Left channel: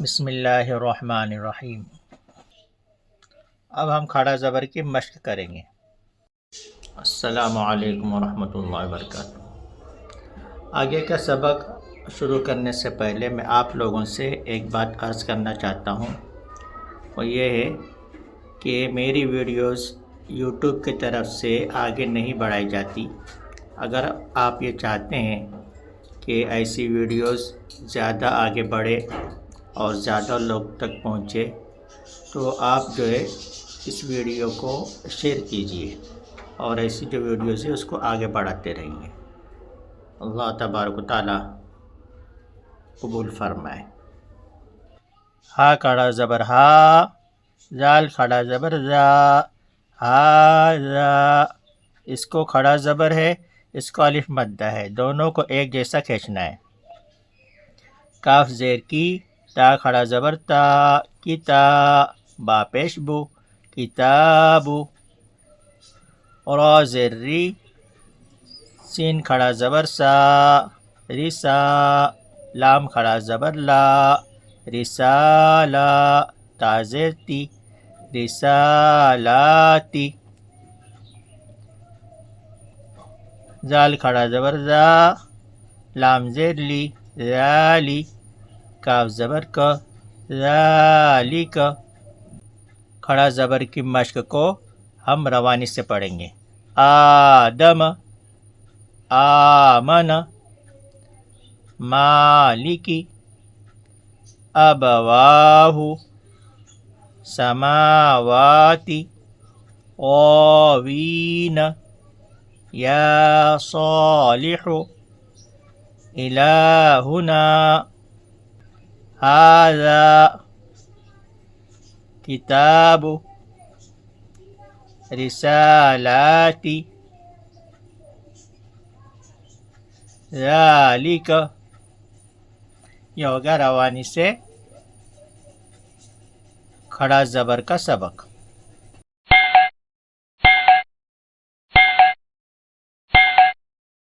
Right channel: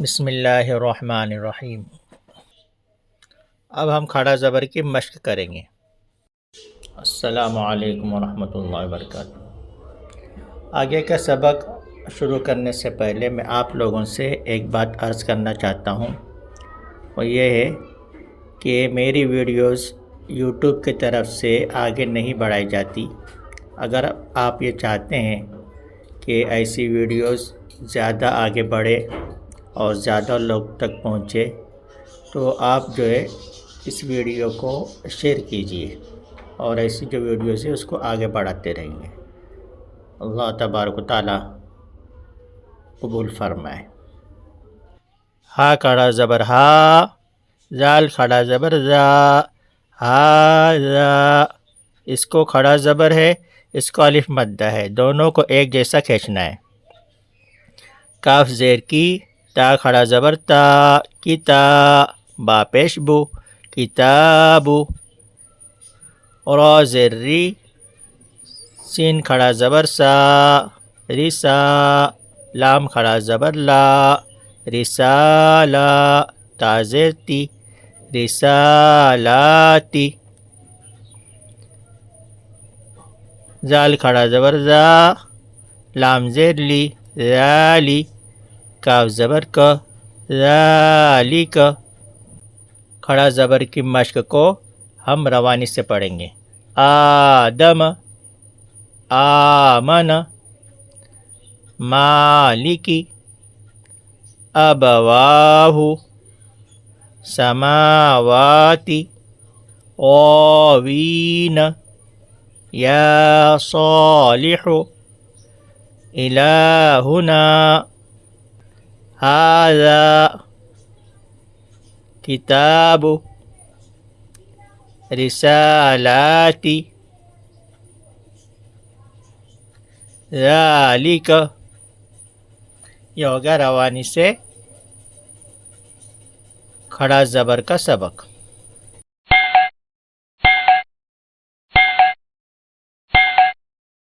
بسم اللہ الرحمن الرحیم۔ اب ہم کھڑا زبر کی مشق کریں گے۔ السلام علیکم ورحمۃ اللہ وبرکاتہ۔ آگے کا سبق شروع کرنے سے پہلے میں آپ لوگوں سے ایک بات عرض کرنا چاہتا ہوں، وہ یہ ہے کہ میری ویڈیوز یوٹیوب کی طرف سے آگے نہیں بڑھائی جاتی۔ اگر آپ یہ چاہتے ہیں کہ ایسی ویڈیوز زیادہ آگے بڑھے اور زیادہ لوگ تک پہنچے تو آپ جو ہے اس ویڈیو کو شیئر کیجئے اور ایسی جو ویڈیوز ہے اس کو آگے بڑھاتے رہیں گے۔ اللہ تبارک و تعالی قبول فرمائے۔ ہا کھڑا زبر ہا، زال کھڑا زبر زا، ہا زا۔ اس کو کھڑا زبر ہے، اس کو الف مدہ ہے، دونوں کو ایک جیسا کھینچنا ہے۔ کاف زیر کی، تا کھڑا زبر تا، کتا، با پیش بو، کتابو۔ را زیر ری، سین کھڑا زبر سا، رسا، لام کھڑا زبر لا، رسالہ، تا زیر تی، رسالاتی۔ زال کھڑا زبر زا، لام زیر لی، ذالی، کاف زبر کا، ذالک۔ کھڑا زبر کی مشق کو ہم روانی سے پڑھیں گے۔ آدم، آمن، مالکی، ابواہ، سماواتی، غاوین، یا صالح، الہنا، ھذا، کتاب، رسالاتی، ذالک۔ یہ ہوگا روانی سے کھڑا زبر کا سبق۔